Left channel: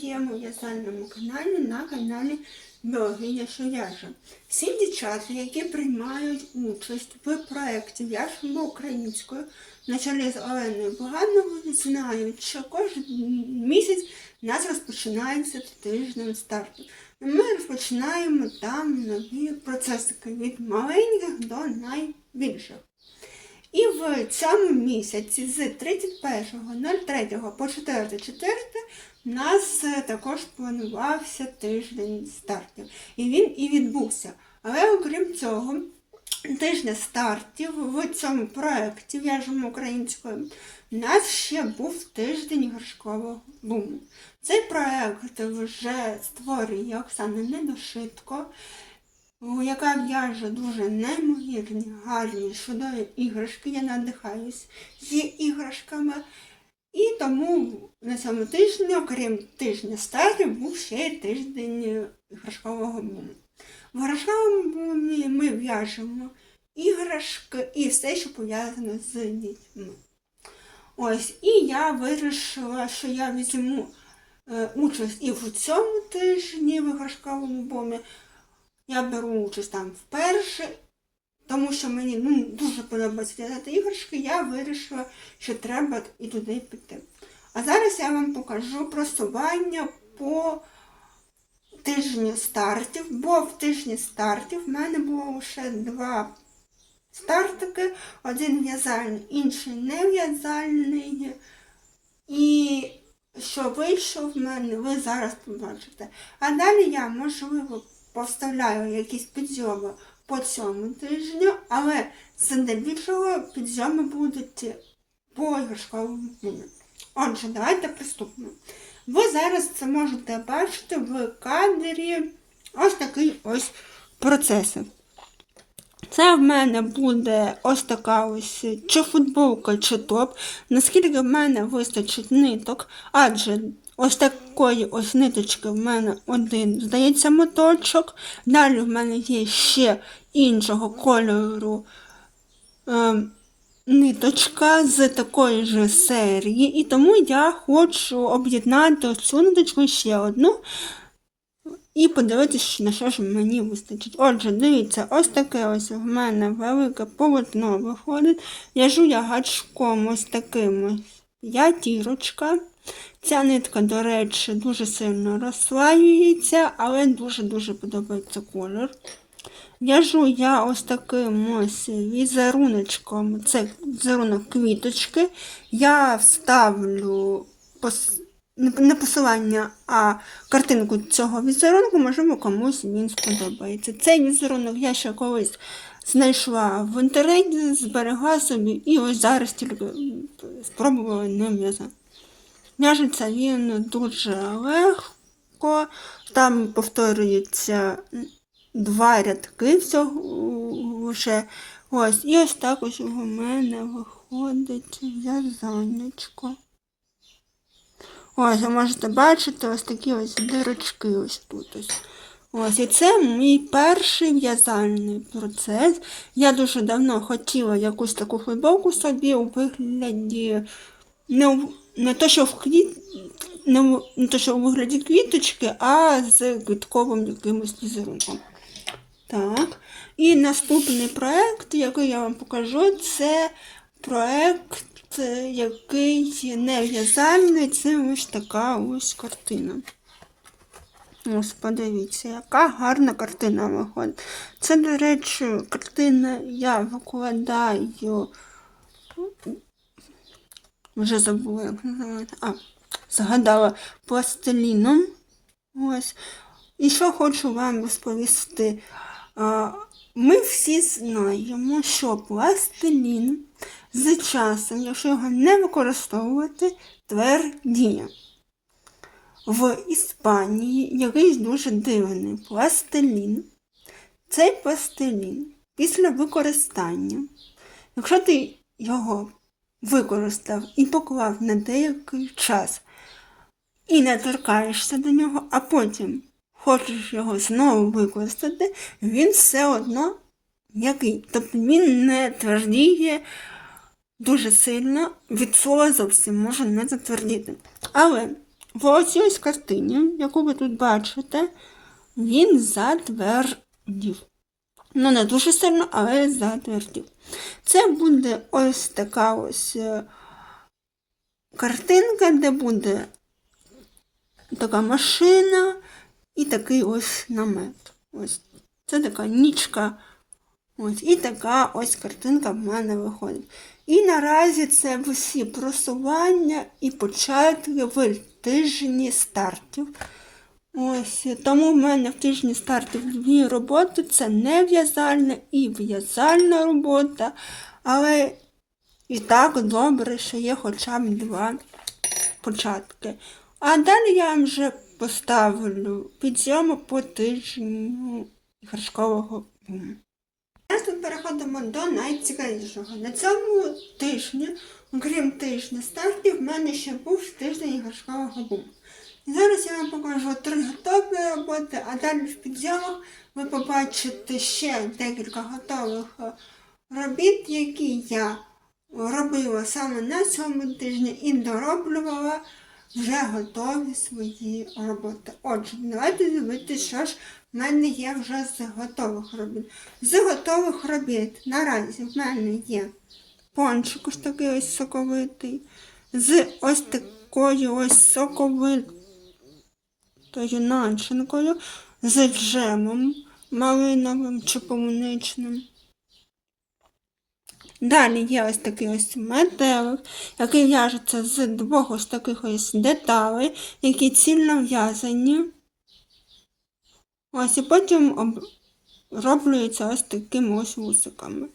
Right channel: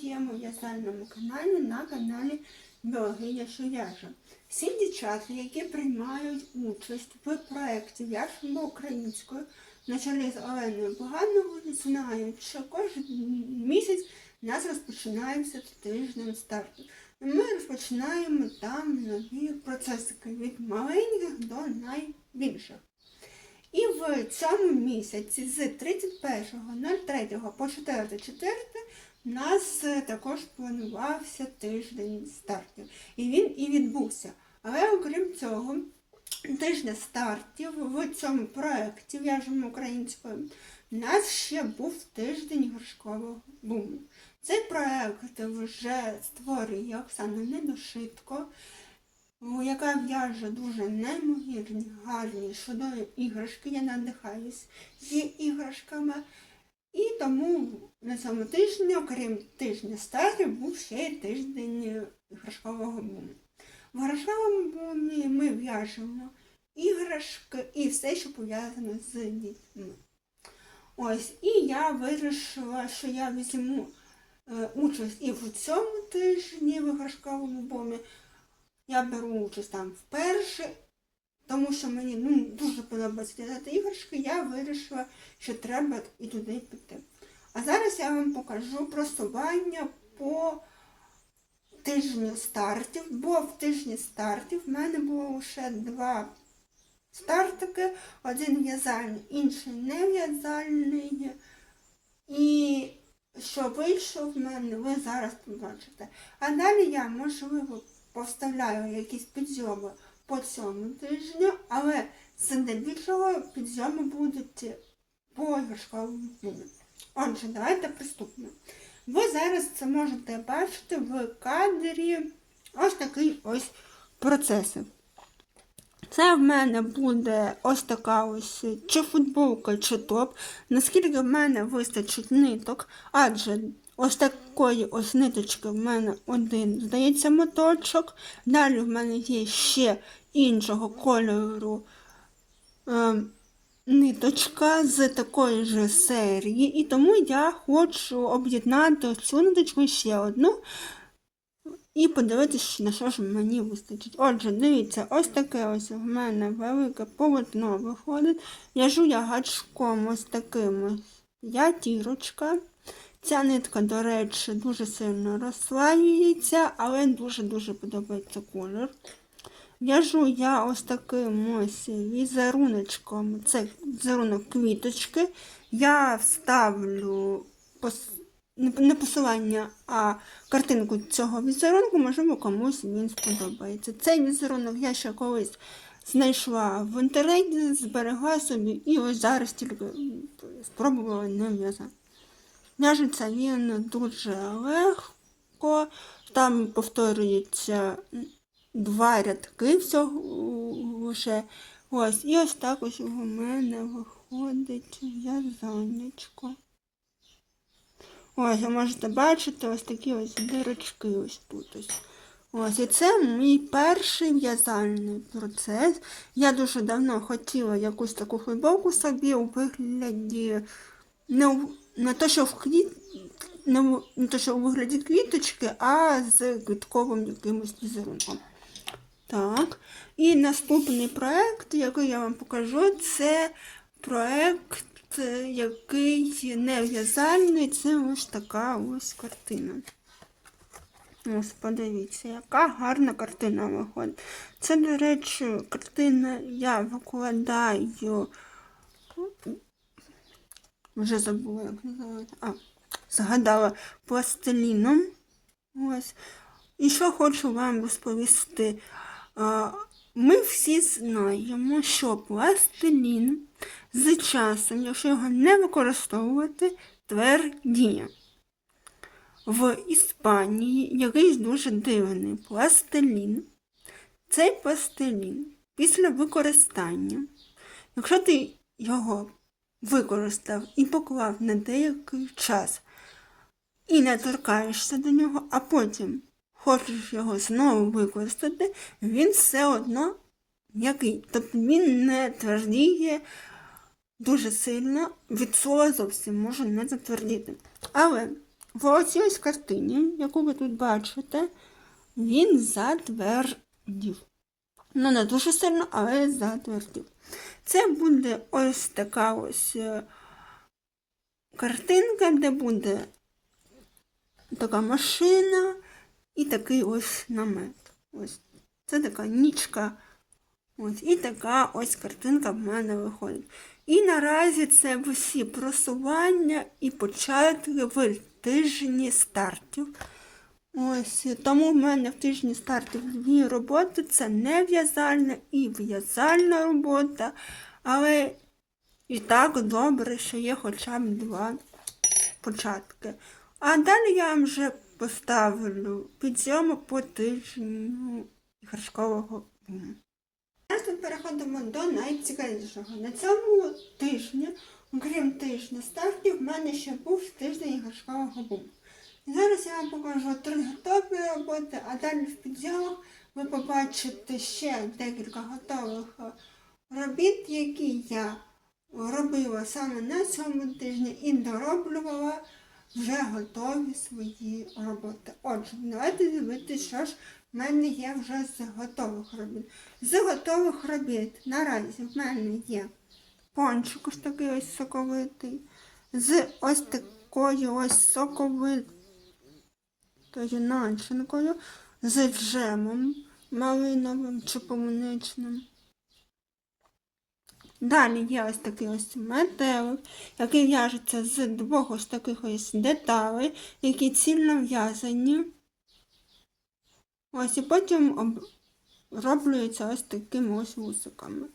своєму в'язальному каналі на каналі Біологиня Шояжа. Всі дівчата, які приймають участь в проєкті В'яжемо українською на чолі з Оленою Бугановою, знають, що кожен місяць у нас розпочинається тиждень старту. Ми розпочинаємо там нові процесики від маленьких до найбільших. І в цьому місяці з 31.03 по 4.4 у нас е, також планувався тиждень стартів. І він і відбувся. Але окрім цього, тижня стартів в цьому проєкті «В'яжемо українською у нас ще був тиждень горшкового буму. Цей проєкт вже створює Оксана Недошитко, яка в'яже дуже неймовірні, гарні, чудові іграшки. Я надихаюсь її іграшками. І тому на цьому тижні, окрім тижня стартів, був ще тиждень іграшкового буму. В іграшковому бумі ми в'яжемо іграшки і все, що пов'язано з дітьми. Ось, і я вирішила, що я візьму е, участь і в цьому тижні в іграшковому бумі. Я беру участь там вперше, тому що мені ну, дуже подобається в'язати іграшки, я вирішила, що треба і туди піти. А зараз я вам покажу просування по тижню стартів, бо в тижні стартів в мене було лише два стартики, один в'язальний, інший не в'язальний. І що вийшов в мене, ви зараз побачите. А далі я, можливо, поставляю якісь підйоми по цьому тижню, але здебільшого підйоми будуть по іграшковому дню. Отже, давайте приступимо. Ви зараз це можете бачити в кадрі ось такий ось процес. Це в мене буде ось така ось чи футболка, чи топ. Наскільки в мене вистачить ниток, адже ось такої ось ниточки в мене один, здається, моточок. Далі в мене є ще іншого кольору е, ниточка з такої ж серії. І тому я хочу об'єднати цю ниточку ще одну. І подивитися, на що ж мені вистачить. Отже, дивіться, ось таке ось в мене велике полотно виходить. В'яжу я гачком ось таким ось ятірочка. Ця нитка, до речі, дуже сильно розслаюється, але дуже-дуже подобається колір. В'яжу я ось таким ось візеруночком, це візерунок квіточки. Я вставлю пос не посилання, а картинку цього візерунку, можливо, комусь він сподобається. Цей візерунок я ще колись знайшла в інтернеті, зберегла собі і ось зараз тільки спробувала ним в'язати. В'яжеться він дуже легко, там повторюється два рядки всього вже. Ось, і ось так ось у мене виходить в'язанечко. Ось, ви можете бачити ось такі ось дирочки ось тут ось. Ось, і це мій перший в'язальний процес. Я дуже давно хотіла якусь таку футболку собі у вигляді не, не то, що в квіт, не, не то, що у вигляді квіточки, а з квітковим якимось візерунком. Так. І наступний проект, який я вам покажу, це проект, е, який не в'язальний, це ось така ось картина. Ось подивіться, яка гарна картина виходить. Це, до речі, картина я викладаю. Вже забула, як називається. А, згадала пластиліном. Ось. І що хочу вам розповісти. А, Ми всі знаємо, що пластилін з часом, якщо його не використовувати, твердіє. В Іспанії якийсь дуже дивний пластилін. Цей пластилін після використання, якщо ти його використав і поклав на деякий час і не торкаєшся до нього, а потім хочеш його знову використати, він все одно м'який. Тобто він не твердіє дуже сильно, від слова зовсім може не затвердіти. Але в ось картині, яку ви тут бачите, він затвердів. Ну, не дуже сильно, але затвердів. Це буде ось така ось е, картинка, де буде така машина і такий ось намет. Ось. Це така нічка. Ось. І така ось картинка в мене виходить. І наразі це всі просування і початки в тижні стартів. Ось, тому в мене в тижні стартів дві роботи. Це не в'язальна і в'язальна робота. Але і так добре, що є хоча б два початки. А далі я вам вже поставлю підйому по тижню іграшкового буму. Зараз ми переходимо до найцікавішого. На цьому тижні, окрім тижня стартів, в мене ще був тиждень іграшкового буму. Зараз я вам покажу три готові роботи, а далі в підйомах ви побачите ще декілька готових е, робіт, які я робила саме на цьому тижні і дороблювала вже готові свої роботи. Отже, давайте дивитися, що ж в мене є вже з готових робіт. З готових робіт наразі в мене є пончик ось такий ось соковитий, з ось такою ось соковитою начинкою, з джемом малиновим чи полуничним. Далі є ось такий ось метелик, який в'яжеться з двох ось таких ось деталей, які цільно в'язані. Ось і потім об... роблюється ось такими ось вусиками.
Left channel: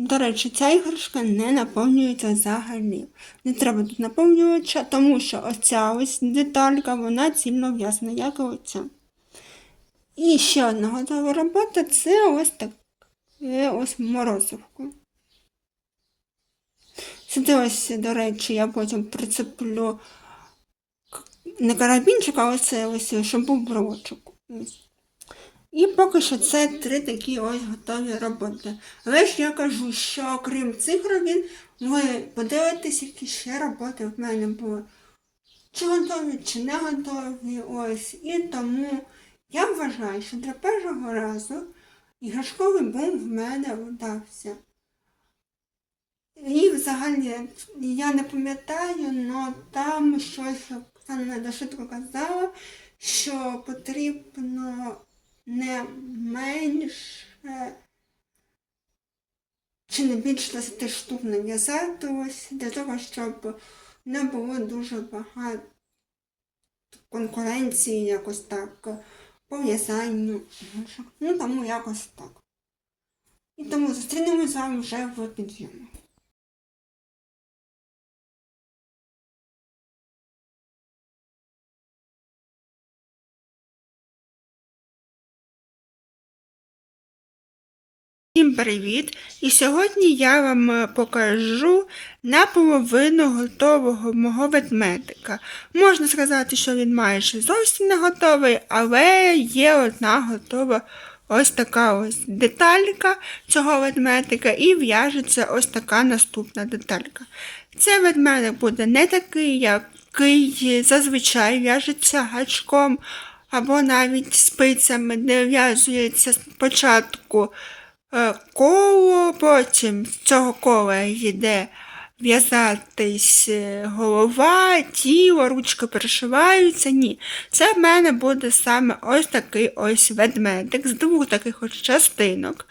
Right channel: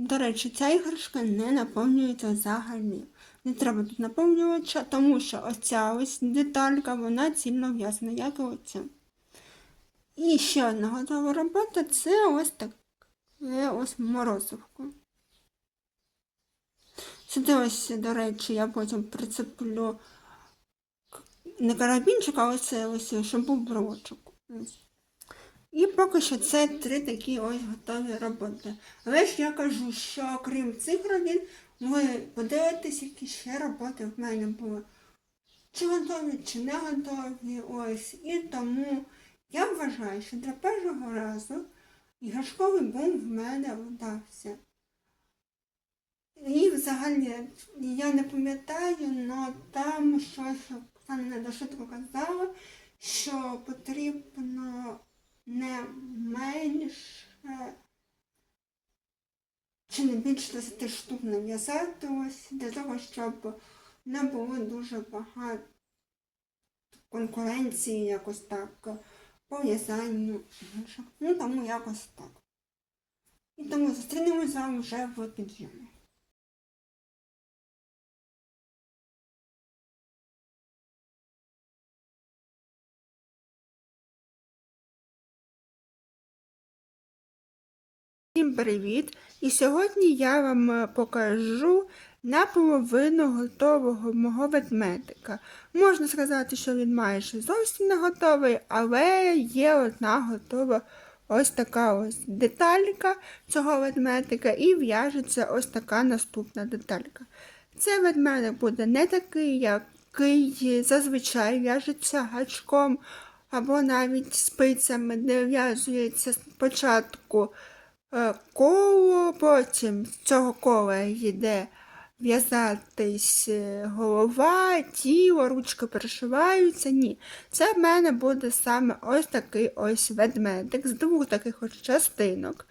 До речі, ця іграшка не наповнюється взагалі. Не треба тут наповнювача, тому що оця ось деталька, вона цільно в'язана, як і оця. І ще одна готова робота це ось таке ось морозивко. Сюди ось, до речі, я потім прицеплю не карабінчик, а ось ось, щоб був брочок. Ось. І поки що це три такі ось готові роботи. Але ж я кажу, що окрім цих робіт, ви подивитесь, які ще роботи в мене були. Чи готові, чи не готові. Ось. І тому я вважаю, що для першого разу іграшковий бум в мене вдався. І взагалі я не пам'ятаю, але там щось Оксана Недошитко казала, що потрібно не менше чи не більше 10 штук нав'язати для того, щоб не було дуже багато конкуренції якось так по в'язанню. Ну тому якось так. І тому зустрінемось з вами вже в підйомі. Всім привіт! І сьогодні я вам е, покажу наполовину готового мого ведмедика. Можна сказати, що він майже зовсім не готовий, але є одна готова ось така ось деталька цього ведмедика і в'яжеться ось така наступна деталька. Цей ведмедик буде не такий, який зазвичай в'яжеться гачком або навіть спицями, де в'язується спочатку коло, потім з цього кола йде в'язатись е, голова, тіло, ручки перешиваються. Ні. Це в мене буде саме ось такий ось ведмедик з двох таких ось частинок,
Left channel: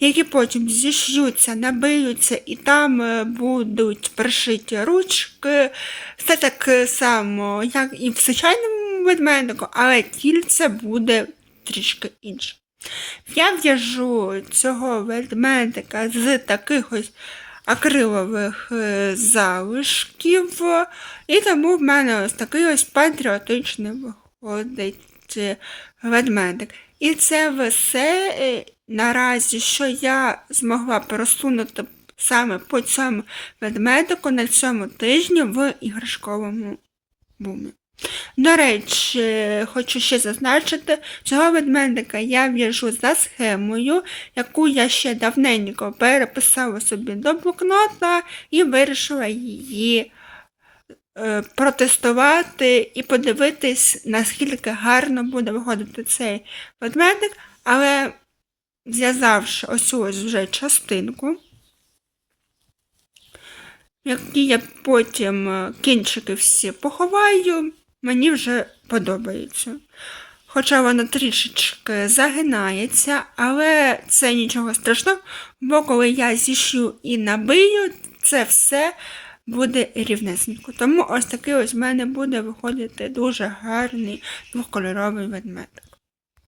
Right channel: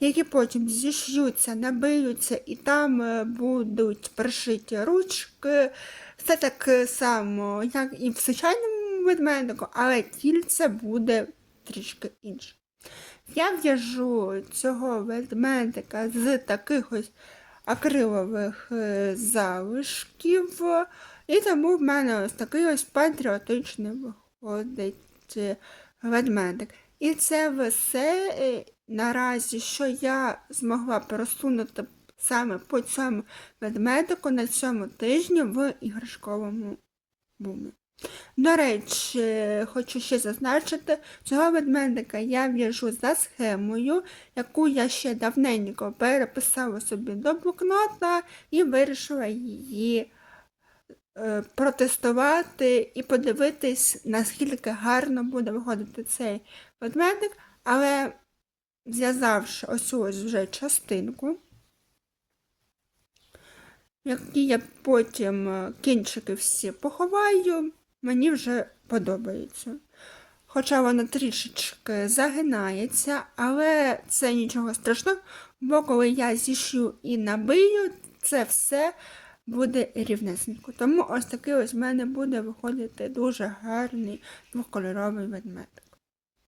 які потім зіш'ються, набиються і там е, будуть пришиті ручки. Все так само, як і в звичайному ведмедику, але тільце буде трішки інше. Я в'яжу цього ведмедика з таких ось акрилових е, залишків, і тому в мене ось такий ось патріотичний виходить е, ведмедик. І це все е, наразі, що я змогла просунути саме по цьому ведмедику на цьому тижні в іграшковому бумі. До речі, хочу ще зазначити, цього ведмедика я в'яжу за схемою, яку я ще давненько переписала собі до блокнота і вирішила її е, протестувати і подивитись, наскільки гарно буде виходити цей ведмедик, але зв'язавши ось ось вже частинку, які я потім е, кінчики всі поховаю, мені вже подобається. Хоча вона трішечки загинається, але це нічого страшного, бо коли я зішью і набию, це все буде рівнесенько. Тому ось такий ось в мене буде виходити дуже гарний двохкольоровий ведмедик.